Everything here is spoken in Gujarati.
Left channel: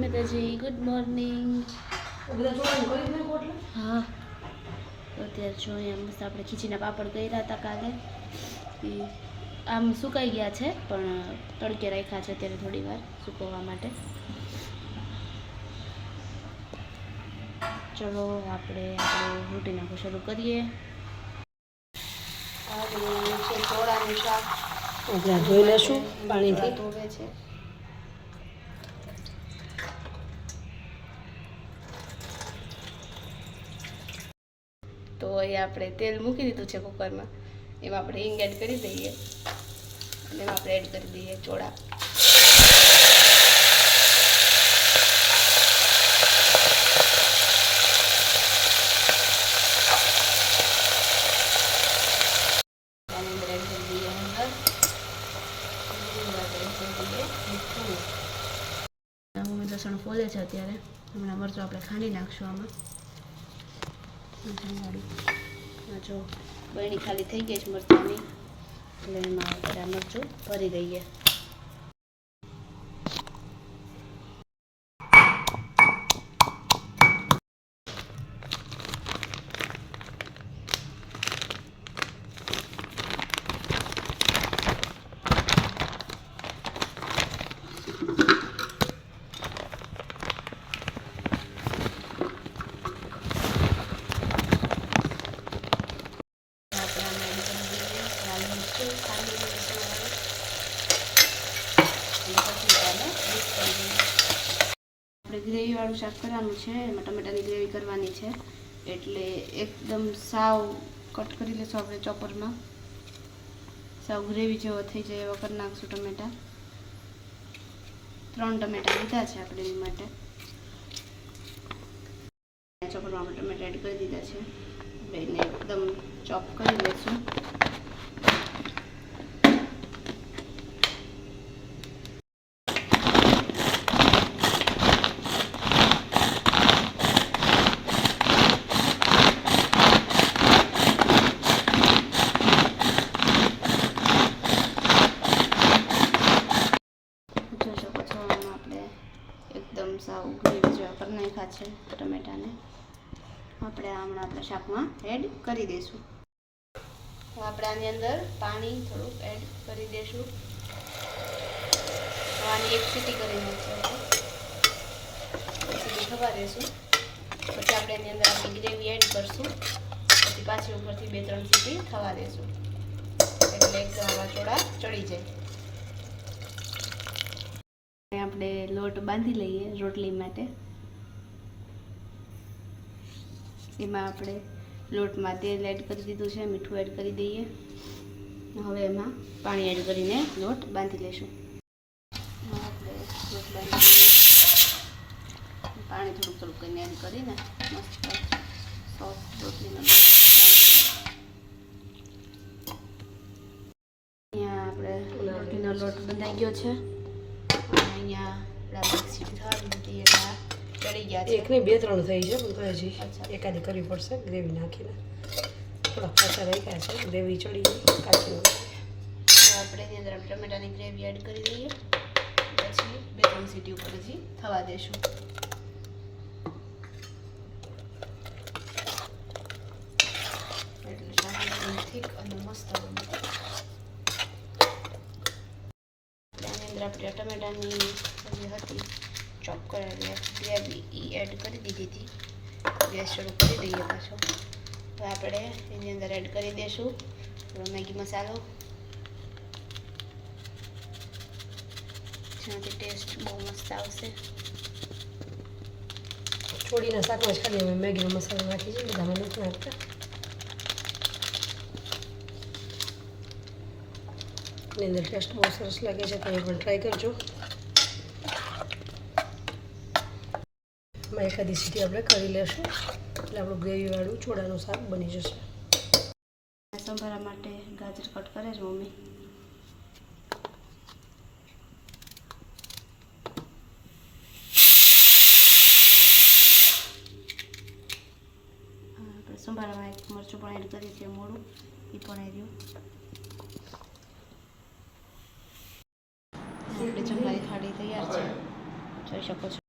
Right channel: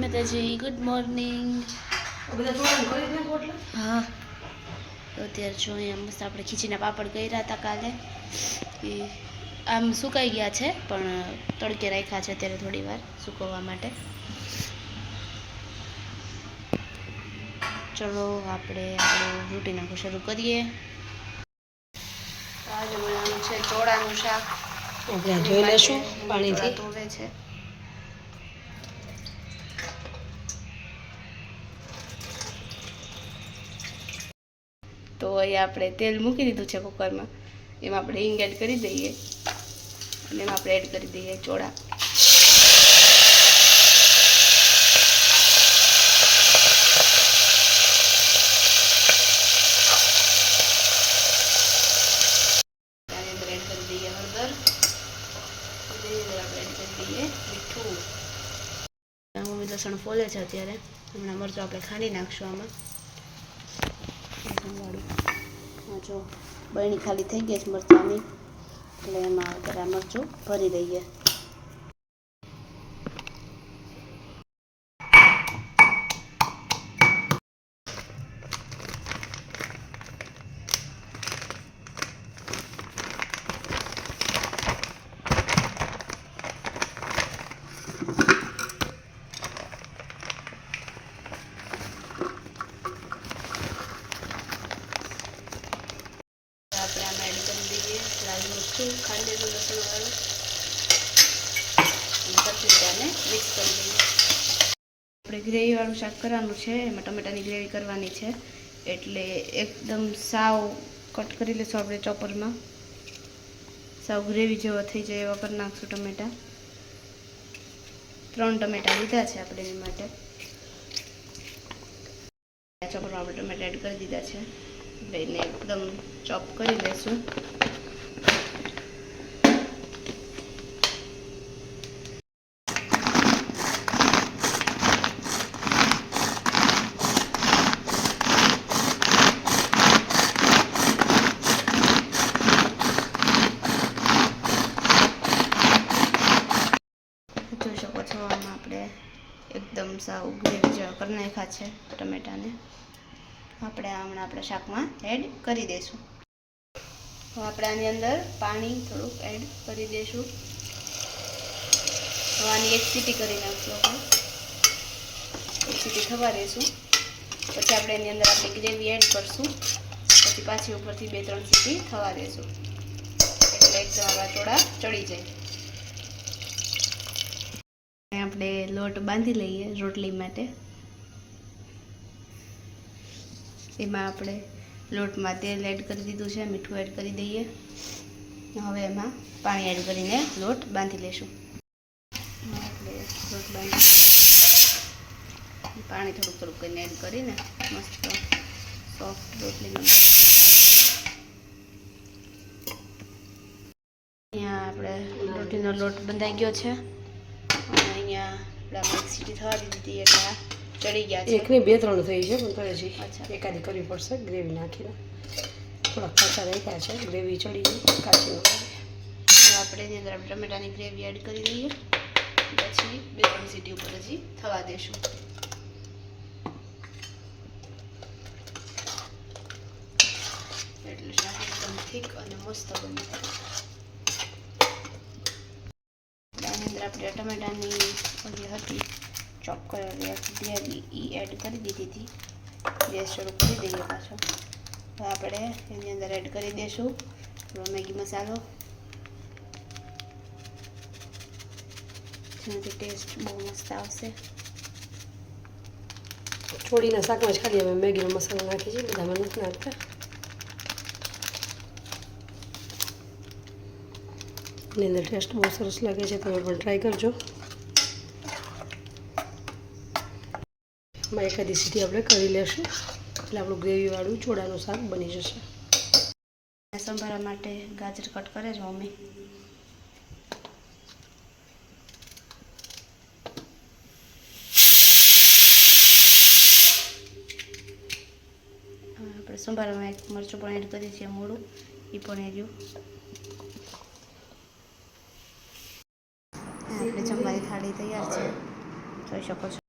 માતાજી, ગુડ મોર્નિંગ. હા, તો અત્યારે જો અહીંયા મસ્ત આપણે ખીચીના પાપડ કર્યા હતા કાલે. એ આમ સુકાઈ ગયા છે, પણ તડકે રાખ્યા છે અત્યારે થોડી વાર સુકવવા માટે. ચલો આપણે આપણું રૂટીન આખું શરૂ કરીએ. આજે બનાવવાનું છે ચોળાનું શાક. આપણે જોઈ લેશું પાણીથી ધોવે છે. તો અહીંયા આપણે તેલ મૂકી દીધું છે કુકરમાં. એમાં આપણે હિંગ એડ કરી દઈએ અને એમાં આપણે એડ કરી દઈએ ચોળા. લસણ ફોલે છે અત્યારે. હમણાં મરચું આપણે ખાંડી નાખશું આમાં. જો બરણી ખાલી થઈ ગઈ છે મરચાંની, એટલે એમાં આપણે મરચું ભરી દઈએ. આપણે ગ્રેવીવાળું શાક કરવાનું છે, એમાં ટમેટાની ગ્રેવી કરવાની છે, એટલે એકદમ સાવ કટ કરી લઈશું આપણે ચોપરમાં. સાવ ગ્રેવી જેવો થઈ જાય એવા કરી નાખશું ટમેટા. 3 ટમેટા લીધા છે આપણે એની માટે. ચોપરમાં આપણે ટમેટા એડ કરી દીધા છે, એટલે એને એકદમ ચોપ કરી લઈશું. એકદમ સાવ ગ્રેવી જેવા કરી નાખ્યા છે ટમેટાને. આપણે હમણાં આપણા શાકમાં એડ કરી દઈશું. આપણે આની અંદર પાણી થોડુંક એડ કરી દઈશું. આની એક સીટી કરી નાખીશું. એક સીટી થવા દઈશું. પછી આપણે એની અંદર આપણી ગ્રેવી એડ કરશું. પછી પાછી ઉપરથી 2-3 સીટી થવા દઈશું, એટલે એકદમ આપણા ચોળા ચડી જાય. આપણે લોટ બાંધી લઈએ રોટલી માટે. એમાં આપણે લોટમાં તેલ એડ કરી દીધું છે, મીઠું એડ કરી દઈએ. હવે એમાં પાણી એડ કરીને લોટ બાંધી લઈશું. આપણે લોટ બાંધી લઈએ. પાણી થોડુંક કરીને એડ કરીને મસ્ત સોફ્ટ રોટલીનો લોટ અહીંયા આપણે રોટલીનો લોટ બંધાઈ ગયો છે. અહીંયા આપણે સીટી થવા દીધી એટલે ચડી ગયા છે. એકની 2-3 થઈ છે, પણ તો હજી એકાદી કરવી પડશે ગ્રેવી નાખીને. થોડા કાચા રાખ્યા છે, ગ્રેવી ચડી ગઈ કાચી. આપણે એની અંદર ટમેટાની ગ્રેવી એડ કરી દઈએ. પછી 2-3 સીટી ઉપર હજી થવા દઈશું. એટલે શાક એકદમ થીક અને મસ્ત બને. આની અંદર આપણે ટમેટાની જે હતી ચોપ કરેલી ગ્રેવી એ એડ કરી દીધી હતી. ગેસ શરૂ કરી દઈએ પાછો. હવે આપણે એની અંદર એડ કરી દઈશું મેગી મસાલો, જેનાથી ટેસ્ટ બહુ મસ્ત આવશે. છોડીના શાકમાં જ ખાલી અમે મેગીનો મસાલો નાખી છે, બધામાં નથી નાખતા. એની અંદર ટેસ્ટ બહુ સરસ લાગે છે, તમે પણ ટ્રાય કરજો. એમાં એકાદી સીટી આપણે કરી લેશું, એટલે આપણું ગ્રેવીવાળું ચોળાનું શાક બની જશે. સંભારા માટે ગાજર કટ કરે છે મમ્મી. આપણે સંભારામાં એક મરચું પણ એડ કરીએ છીએ, મોડું એ પણ એર્યું. આપણી જમવાની થાળી તૈયાર છે, જોઈ શકો છો.